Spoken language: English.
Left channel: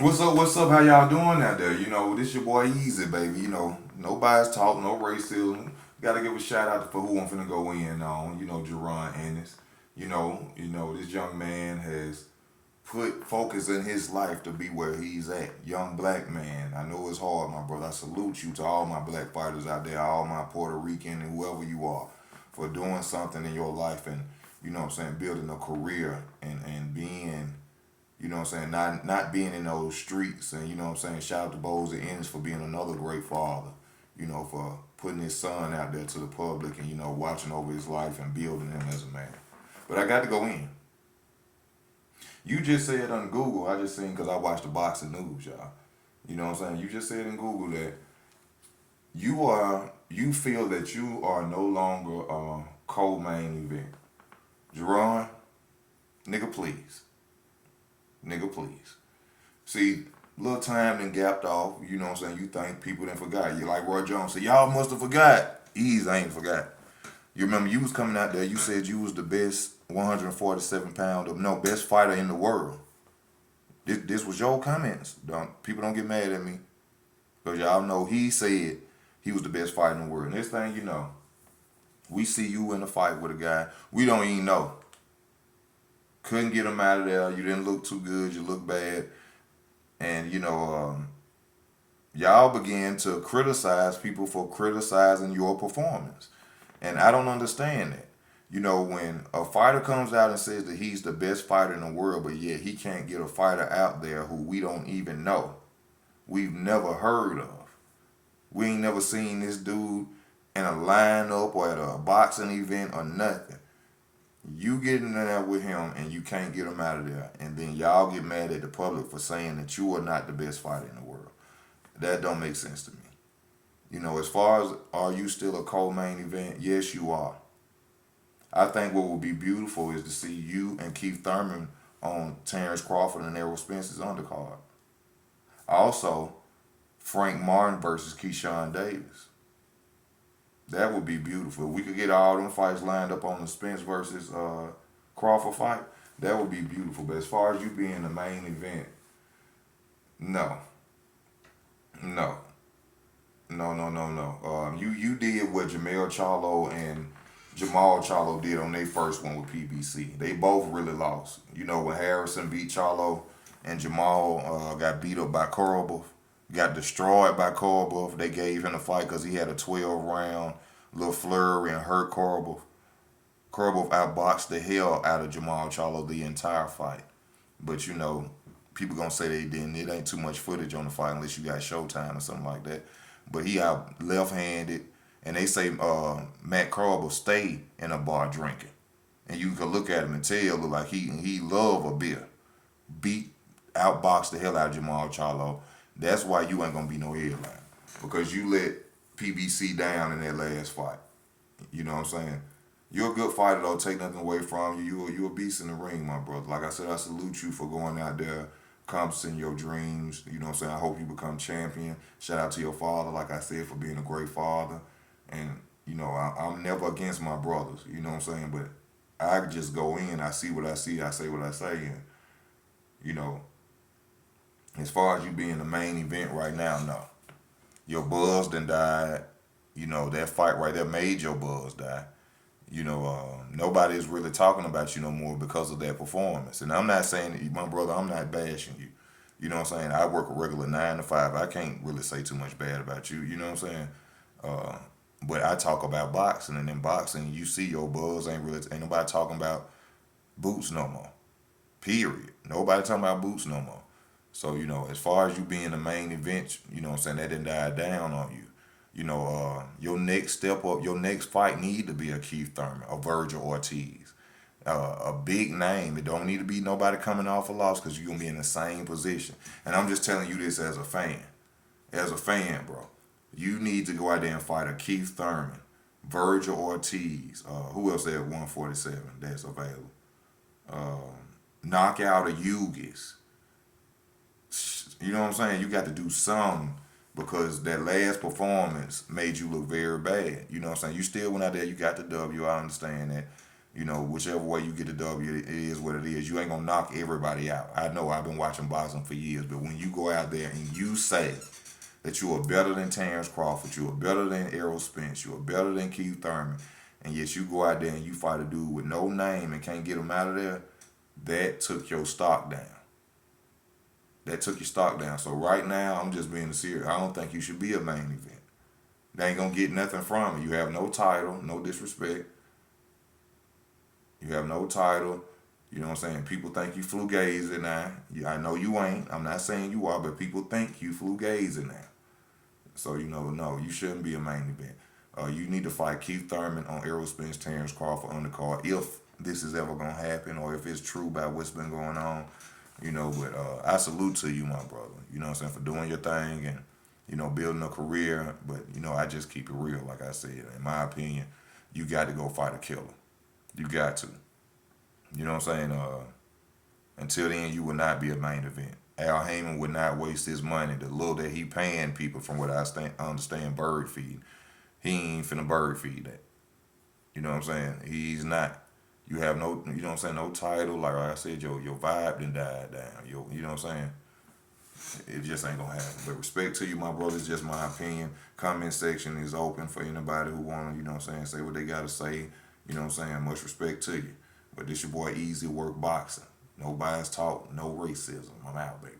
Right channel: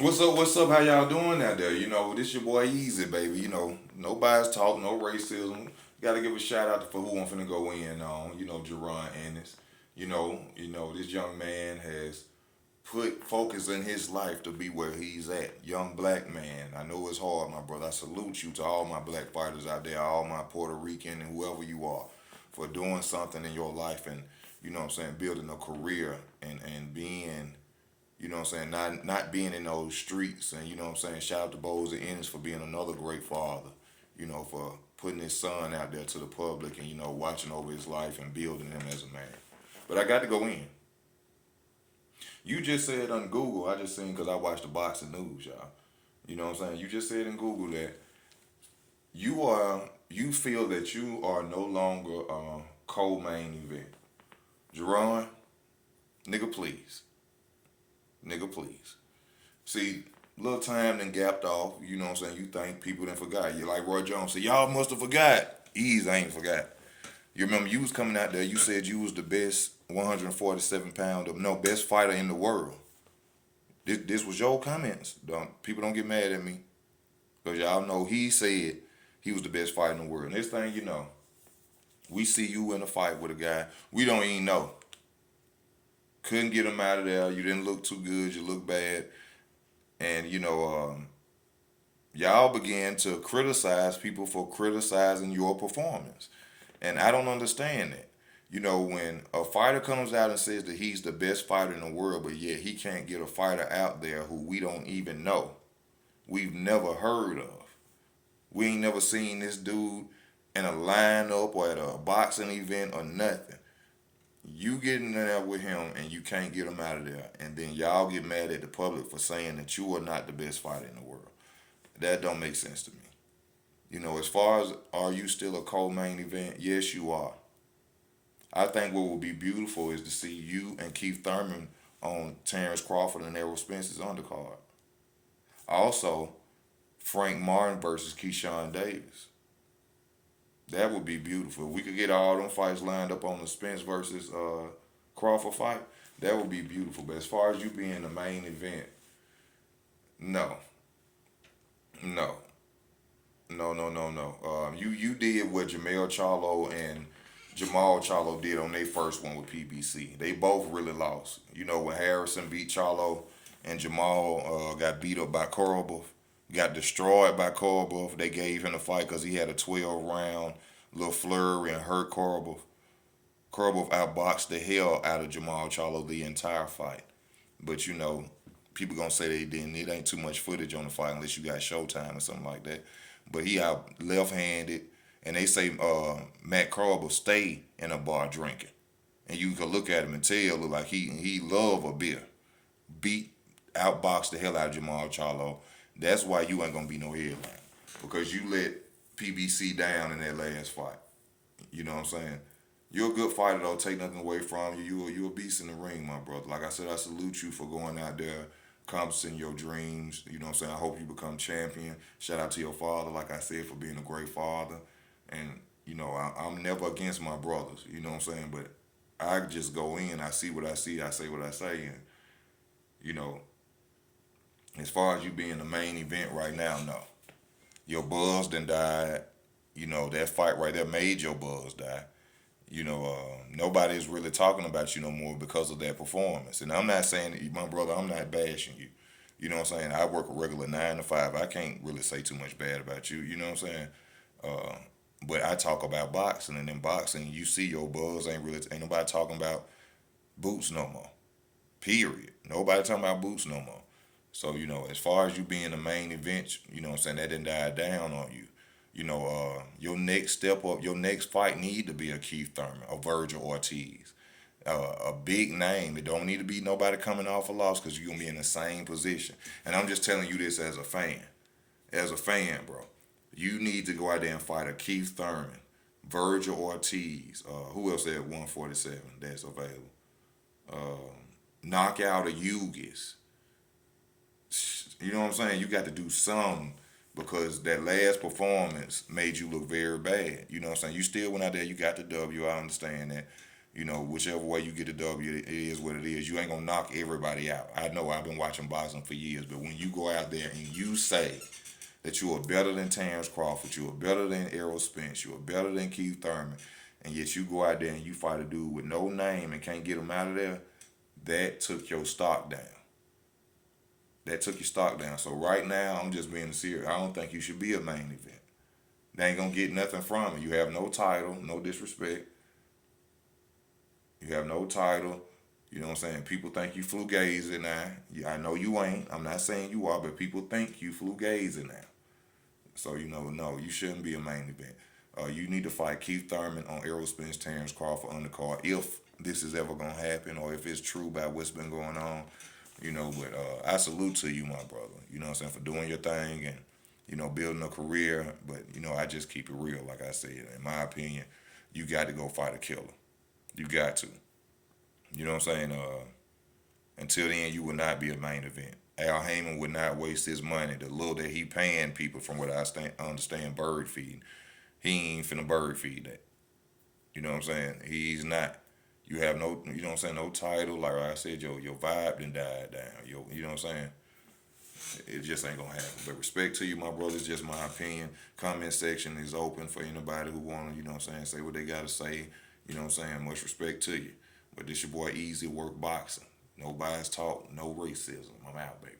What's up? What's up? How y'all doing out there? This your boy Easy, baby. No bias talk, no racism. Gotta give a shout out for who I'm finna go in on. Jaron Ennis. This young man has put focus in his life to be where he's at. Young black man. I know it's hard, my brother. I salute you to all my black fighters out there, all my Puerto Rican and whoever you are, for doing something in your life and building a career and being not being in those streets and shout out to Bowes and Ennis for being another great father, for putting his son out there to the public and, watching over his life and building him as a man. But I got to go in. You just said on Google, I just seen because I watched the boxing news, y'all. You know what I'm saying? You just said in Google that you feel that you are no longer co-main event. Jaron, nigga, please. Nigga, please. See, little time then gapped off, you think people didn't forgot. You like Roy Jones said, y'all must have forgot. Ease, I ain't forgot. You remember you was coming out there, you said you was the best 147 pounder, no, best fighter in the world. This was your comments. People don't get mad at me. Because y'all know he said he was the best fighter in the world. Next thing you know, we see you in a fight with a guy we don't even know. Couldn't get him out of there. You didn't look too good. You look bad. And, y'all began to criticize people for criticizing your performance. And I don't understand that. When a fighter comes out and says that he's the best fighter in the world, but yet he can't get a fighter out there who we don't even know, we've never heard of. We ain't never seen this dude in a lineup or at a boxing event or nothing. You get in there with him and you can't get him out of there, and then y'all get mad at the public for saying that you are not the best fighter in the world. That don't make sense to me. As far as are you still a co-main event? Yes, you are. I think what would be beautiful is to see you and Keith Thurman on Terrence Crawford and Errol Spence's undercard. Also, Frank Martin versus Keyshawn Davis. That would be beautiful. If we could get all them fights lined up on the Spence versus Crawford fight, that would be beautiful. But as far as you being the main event, no, no, no. You did what Jamel Charlo and Jamal Charlo did on their first one with PBC. They both really lost. When Harrison beat Charlo and Jamal got beat up by Korobov, got destroyed by Korobov. They gave him the fight because he had a 12-round little flurry and hurt Korobov. Korobov outboxed the hell out of Jamal Charlo the entire fight. But people gonna say they didn't. It ain't too much footage on the fight unless you got Showtime or something like that. But he out left-handed, and they say Matt Korobov stayed in a bar drinking, and you can look at him and tell look like he love a beer. Beat outboxed the hell out of Jamal Charlo. That's why you ain't gonna be no headline, because you let PBC down in that last fight. You know what I'm saying? You're a good fighter though. Take nothing away from you. You're a beast in the ring, my brother. Like I said, I salute you for going out there, accomplishing your dreams. You know what I'm saying? I hope you become champion. Shout out to your father, like I said, for being a great father. And I'm never against my brothers. You know what I'm saying? But I just go in. I see what I see. I say what I say. And you know, as far as you being the main event right now, no. Your buzz done died. That fight right there made your buzz die. Nobody is really talking about you no more because of that performance. And I'm not saying that, my brother, I'm not bashing you. You know what I'm saying? I work a regular 9 to 5. I can't really say too much bad about you. You know what I'm saying? But I talk about boxing, and in boxing, you see your buzz ain't nobody talking about Boots no more. Period. Nobody talking about Boots no more. So, as far as you being the main event, what I'm saying, that didn't die down on you. Your next step up, your next fight need to be a Keith Thurman, a Virgil Ortiz, a big name. It don't need to be nobody coming off a loss, because you're going to be in the same position. And I'm just telling you this as a fan. As a fan, bro. You need to go out there and fight a Keith Thurman, Virgil Ortiz. Who else at 147 that's available? Knock out a Ugis. You know what I'm saying? You got to do something, because that last performance made you look very bad. You know what I'm saying? You still went out there, you got the W, I understand that. You know, whichever way you get the W, it is what it is. You ain't gonna knock everybody out. I know I've been watching boxing for years, but when you go out there and you say that you are better than Terrence Crawford, you are better than Errol Spence, you are better than Keith Thurman, and yet you go out there and you fight a dude with no name and can't get him out of there, that took your stock down. That took your stock down. So right now, I'm just being serious. I don't think you should be a main event. They ain't gonna get nothing from it. You have no title, no disrespect. You have no title. You know what I'm saying? People think you flu-gazing now. I know you ain't. I'm not saying you are, but people think you flu-gazing now. So, you know, no, you shouldn't be a main event. You need to fight Keith Thurman on Errol Spence, Terrence Crawford on the card if this is ever going to happen or if it's true about what's been going on. You know, but I salute to you, my brother. You know what I'm saying? For doing your thing and, you know, building a career. But, you know, I just keep it real, like I said. In my opinion, you got to go fight a killer. You got to. You know what I'm saying? Until then, you would not be a main event. Al Heyman would not waste his money. The little that he paying people, from what I understand, bird feed. He ain't finna bird feed that. You know what I'm saying? He's not. You have no, you know what I'm saying, no title. Like I said, your vibe done died down. You know what I'm saying? It just ain't gonna happen. But respect to you, my brother. It's just my opinion. Comment section is open for anybody who wanna, you know what I'm saying, say what they gotta say. You know what I'm saying? Much respect to you. But this your boy Easy Work Boxing. No bias talk, no racism. I'm out, baby.